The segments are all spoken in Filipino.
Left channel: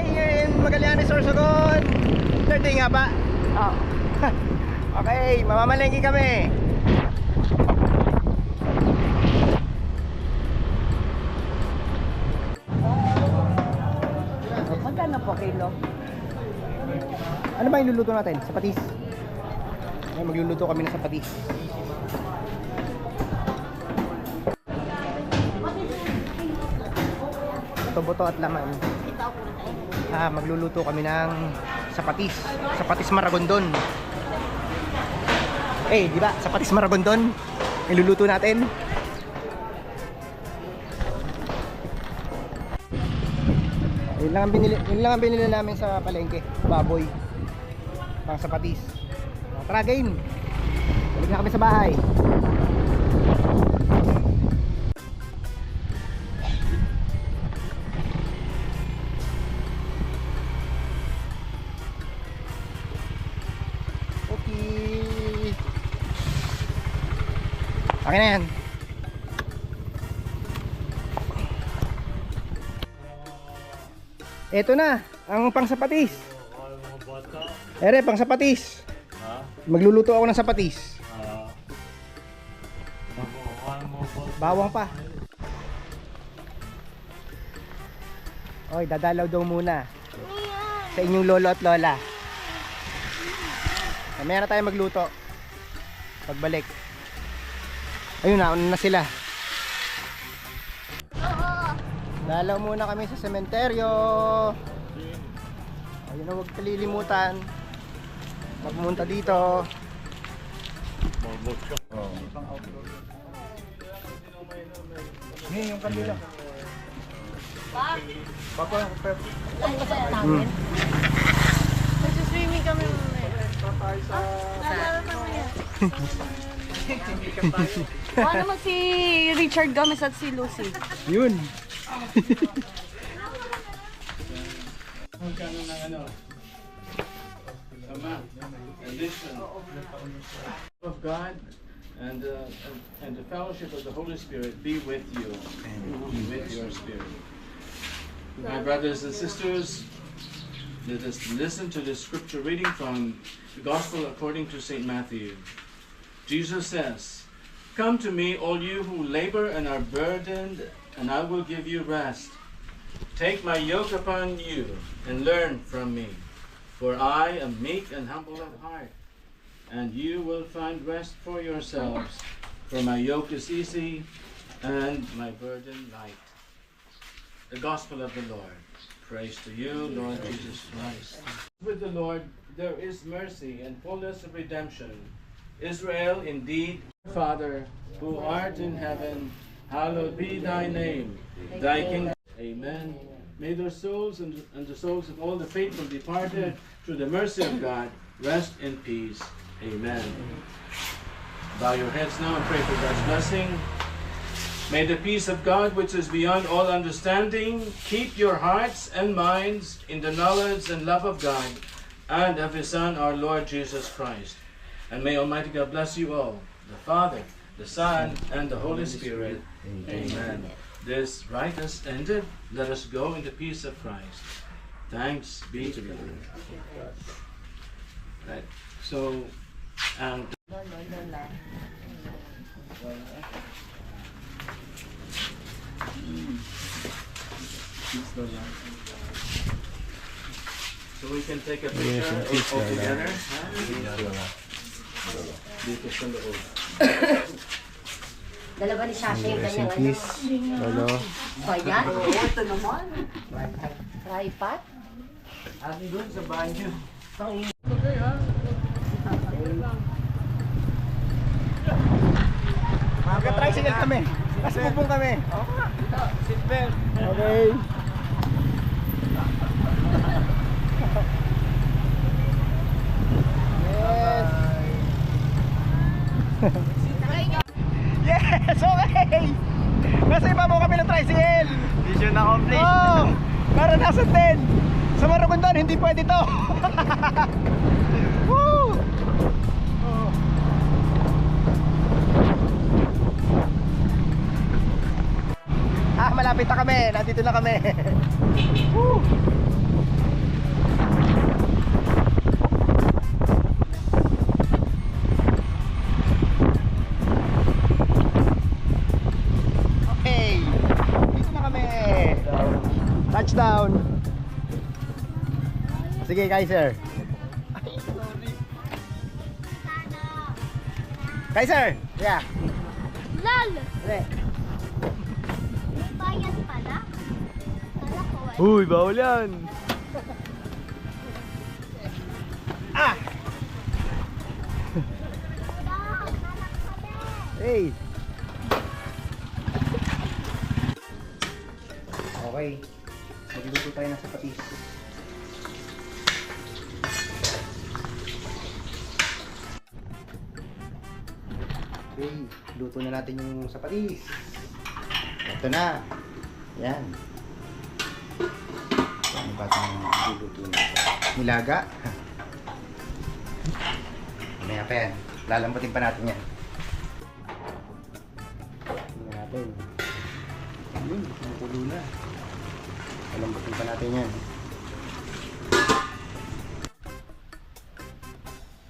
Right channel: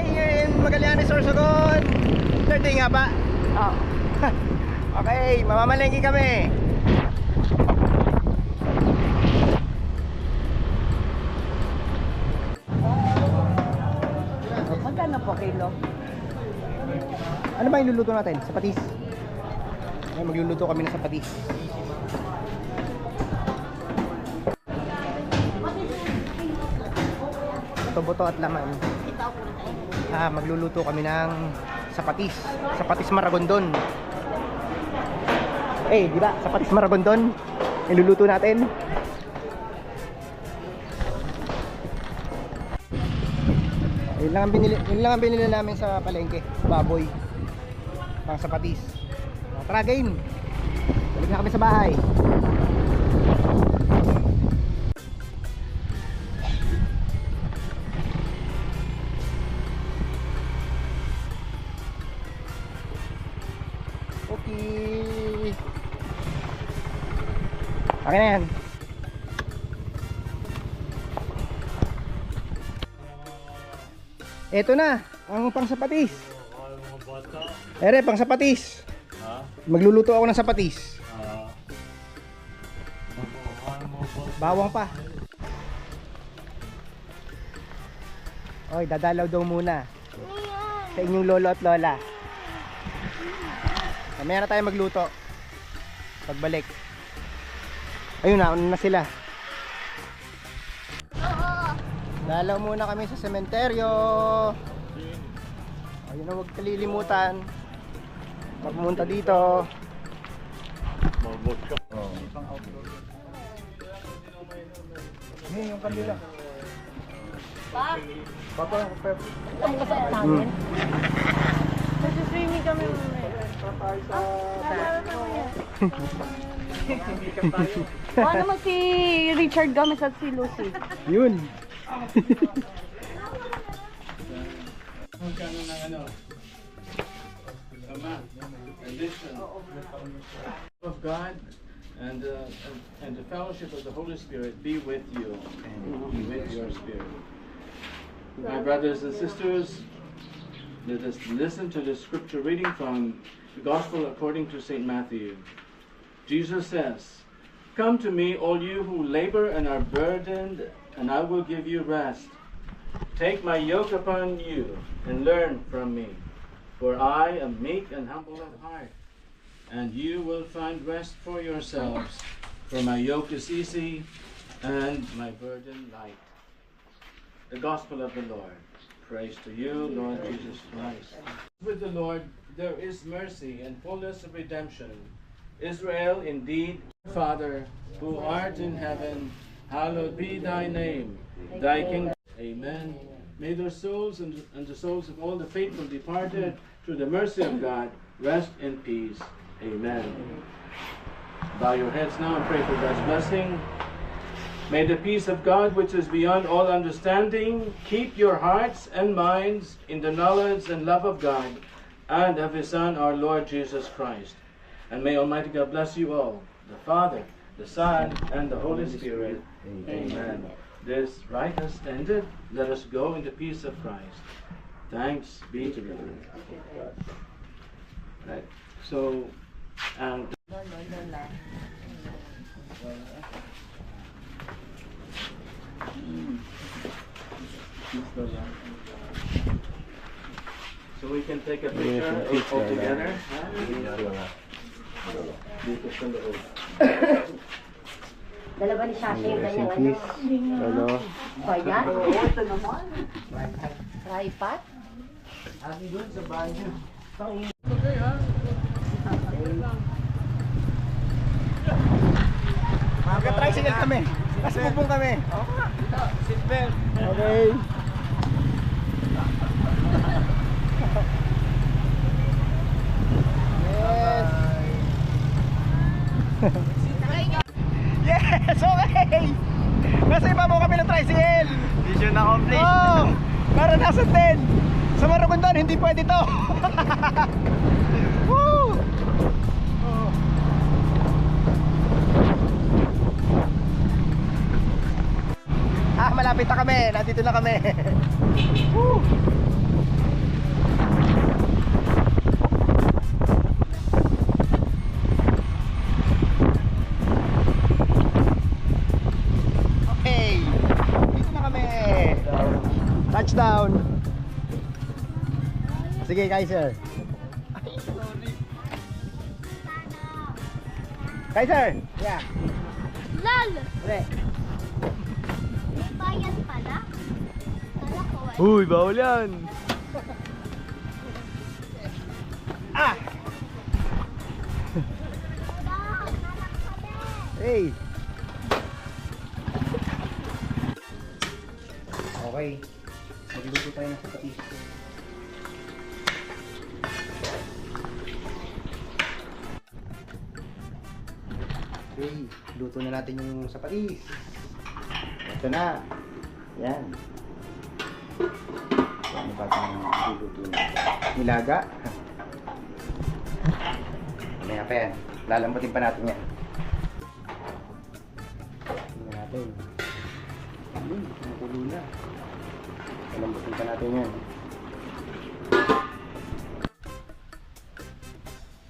Okay, Magallanes Sorsogon. Third day nga ba? Oo. Okay, mamamalengke kami. Magkano po kilo? Ano ba yung luluto natin? Sapatis. Ay, magluluto kami ng sapatis. Buto-buto at laman. Magluluto kami ng sapatis. Sapatis Maragondon. Di ba? Sapatis Maragondon. Iluluto natin. Yun lang ang binili namin sa palengke. Baboy. Pang sapatis. Tara, game. Balik na kami sa bahay. Okay. Okay na yan. Eto na, ang pang sapatis. Ere, pang sapatis. Magluluto ako ng sapatis. Bawang pa. Oy, dadalaw daw muna sa inyong lolo at lola. Mamaya na tayo magluto. Pagbalik. Ayun na, una na sila. Dalaw muna kami sa sementeryo. Ayun na, huwag kalilimutan pag pumunta dito. Yung kandila. Papa, Ang kasap namin. Nagsuswimming kami mamaya. Baka naman si Richard Gomez at si Lucy. yun. Of God and the fellowship of the Holy Spirit be with you and with your spirit. My brothers and sisters, let us listen to the scripture reading from the Gospel according to St. Matthew. Jesus says, "Come to me, all you who labor and are burdened, and I will give you rest. Take my yoke upon you and learn from me, for I am meek and humble of heart, and you will find rest for yourselves. For my yoke is easy and my burden light." The Gospel of the Lord. Praise to you, Lord Jesus Christ. With the Lord there is mercy and fullness of redemption. Israel, indeed, Father, who art in heaven, hallowed be thy name. Thy kingdom. Amen. May their souls and the souls of all the faithful departed, through the mercy of God, rest in peace. Amen. Bow your heads now and pray for God's blessing. May the peace of God, which is beyond all understanding, keep your hearts and minds in the knowledge and love of God and of His Son, our Lord Jesus Christ. And may Almighty God bless you all, the Father, the Son, and the Holy Spirit. Amen. This rite has ended. Let us go in the peace of Christ. Thanks be to God. Right. So, and so we can take a picture all together. Dito sa loob. Dalawa ni Shasha yung Rest in kanyang peace, lolo. O yan? Oo, ito naman. Tripod? Ano doon sa banyo? Magka-tricycle kami. Kasi pupong kami. Seatbelt. Okay. Yes! Okay! Nasa ibabaw kami ng tricycle! Mission accomplished. Oh! Para nasa 10! Sa Maragondon, hindi pwede to! Woo! Oh. Malapit na kami. Nandito na kami. Woo! Okay. Dito na kami. Touchdown. Sige, Kaiser. Kaiser. Yeah. Lal! Re. May bayad pala? Kala ko wala. Uy, bawal yan. Ah! Anak kami! Hey. Okay. Magluto tayo ng sapatis. Okay, luto na natin yung sapatis. Ito na. Yan. Ano ba itong luluto natin? Nilaga. Mamaya pa yan. Lalambutin pa natin yan. Tingnan natin. Tulo na. Lalambutin pa natin yan.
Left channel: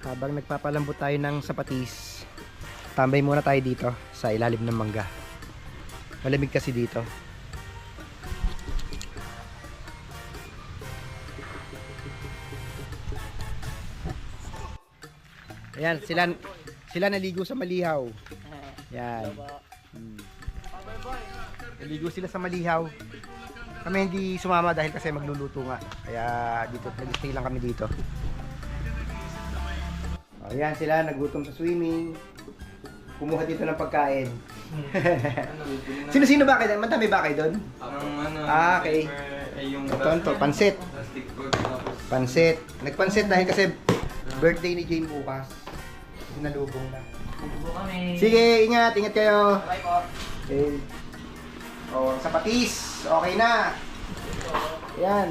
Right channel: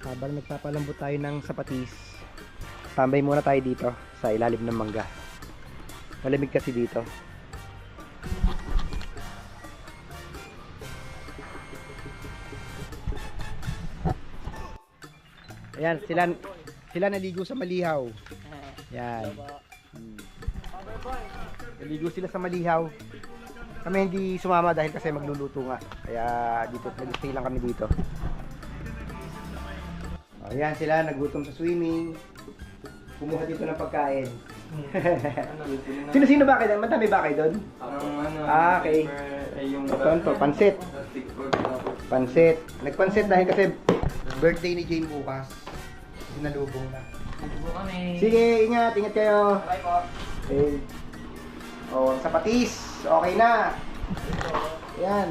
Habang nagpapalambot tayo ng sapatis, tambay muna tayo dito sa ilalim ng mangga. Malamig kasi dito. Ayan, sila naligo sa malihaw. Yan. Naligo sila sa malihaw. Kami hindi sumama dahil kasi magluluto nga. Kaya dito, nag-stay lang kami dito. Ayan sila, nagutom sa swimming. Kumuha dito ng pagkain. Sino-sino ba kayo doon? Madami ba kayo doon? Okay. Ito, pansit. Pansit. Nagpansit dahil kasi birthday ni Jane bukas. Sinalubong na. Sige, ingat kayo. Bye po. Okay. Oh, sapatis. Okay na. Ayan.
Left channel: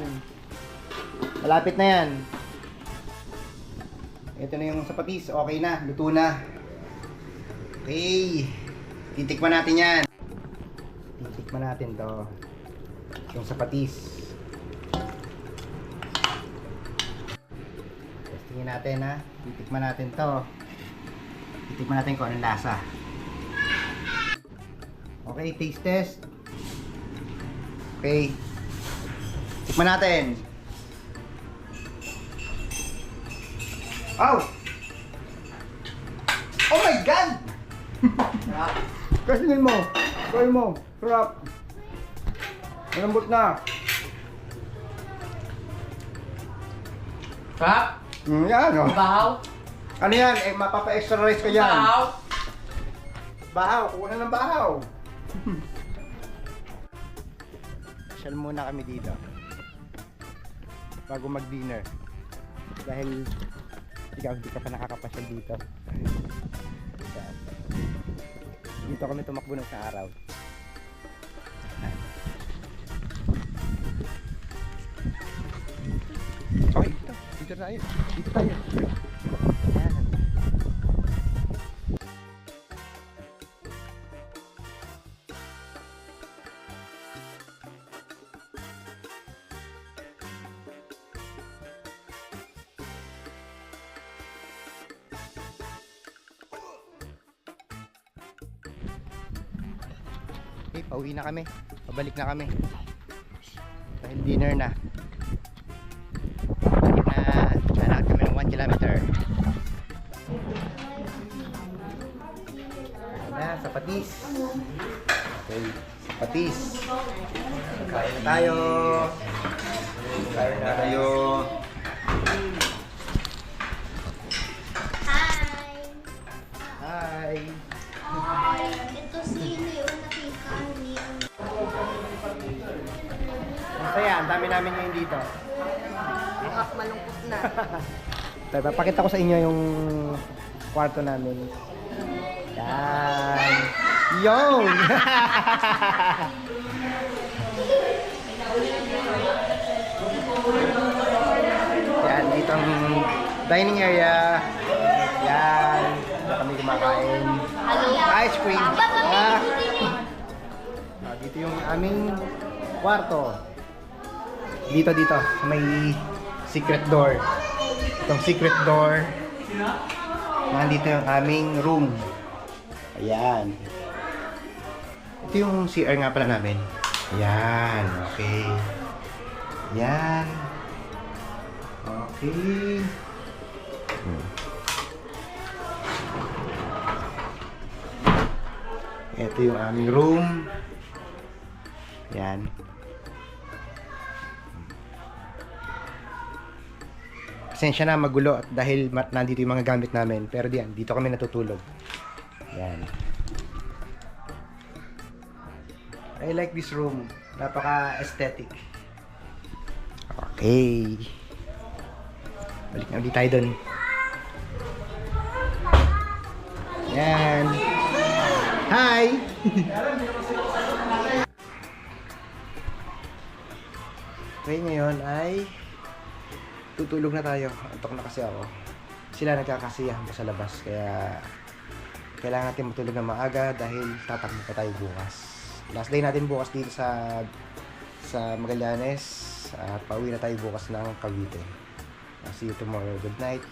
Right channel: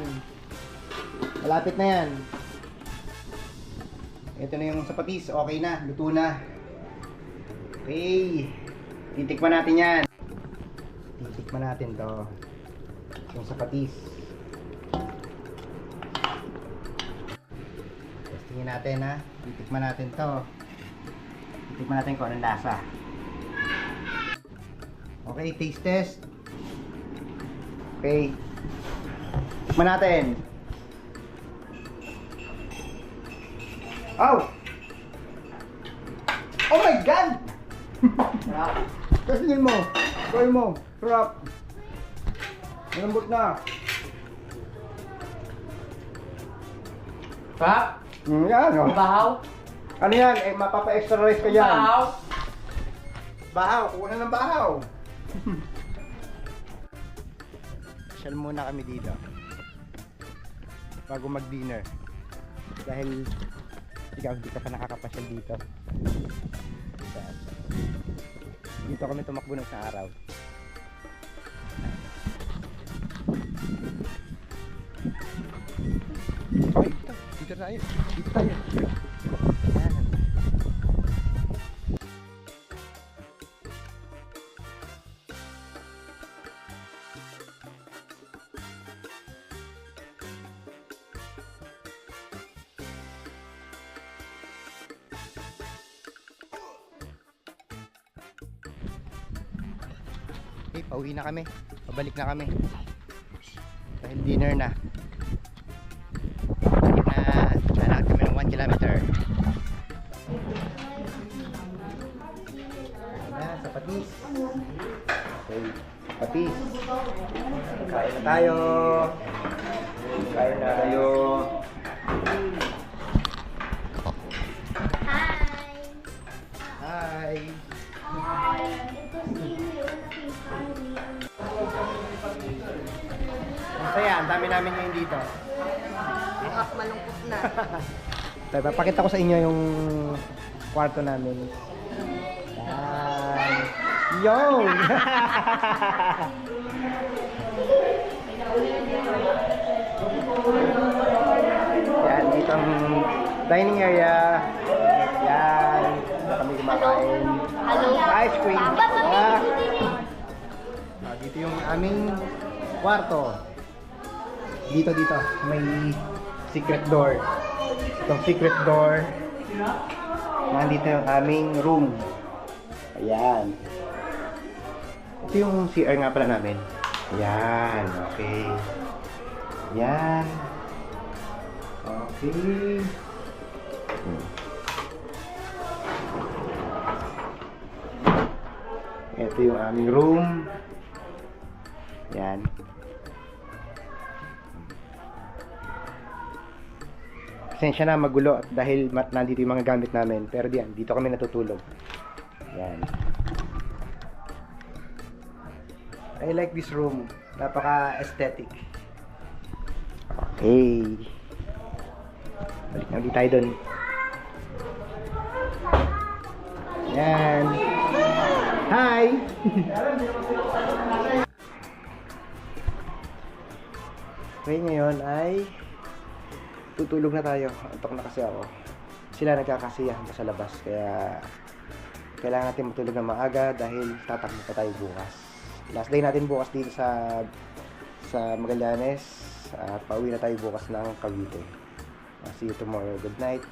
Malapit na yan. Ito na yung sapatis. Okay na. Luto na. Okay. Titikman natin yan. Titikman natin to. Yung sapatis. Testingin natin ha. Titikman natin to. Titikman natin kung anong lasa. Okay, taste test. Okay. Tikman natin. Oh! Oh my God! Kasingin mo. Try mo. Sarap. Malambot na. Kap? Yan o. Bahaw? Ano yan? Eh, mapapa-extra rice ka yan. Bahaw? Bahaw. Kuha na ng bahaw. Pasyal muna kami dito. Bago mag-dinner. Dahil ikaw hindi ka pa nakakapasyal dito. Dito kami tumakbo ng sa araw. Okay, dito tayo. Dito tayo. Ayan. Okay, pauwi na kami. Pabalik na kami. Dahil dinner na. Nalakad kami ng 1 kilometer. Ayan, sapatis. Okay, sapatis. Kain na tayo. Kain na tayo. Hi! Hi. Hi! Ito si Leo nakita ni Masaya, ang dami namin ngayon dito. Malungkot na. Papakita ko sa inyo yung kwarto namin. Yan. Yon! Yan, dito ang dining area. Yan. Dito kami kumakain. Hello! Ice cream. Papa, Ah, Dito yung aming kwarto. Dito. May secret door. Itong secret door. Nandito yung aming room. Ayan. Ito yung CR nga pala namin. Ayan. Okay. Ayan. Okay. Ito yung aming room. Ayan. Pasensya na magulo at dahil nandito yung mga gamit namin. Pero diyan, dito kami natutulog. Yan. I like this room. Napaka-aesthetic. Okay. Balik na ulit tayo dun. Yan. Hi! Okay, ngayon ay tutulog na tayo. Antok na kasi ako. Sila nagkakasiyahan pa sa labas. Kaya kailangan natin matulog na maaga dahil tatakbo pa tayo bukas. Last day natin bukas dito sa Magallanes. At pauwi na tayo bukas ng Cavite. See you tomorrow. Good night.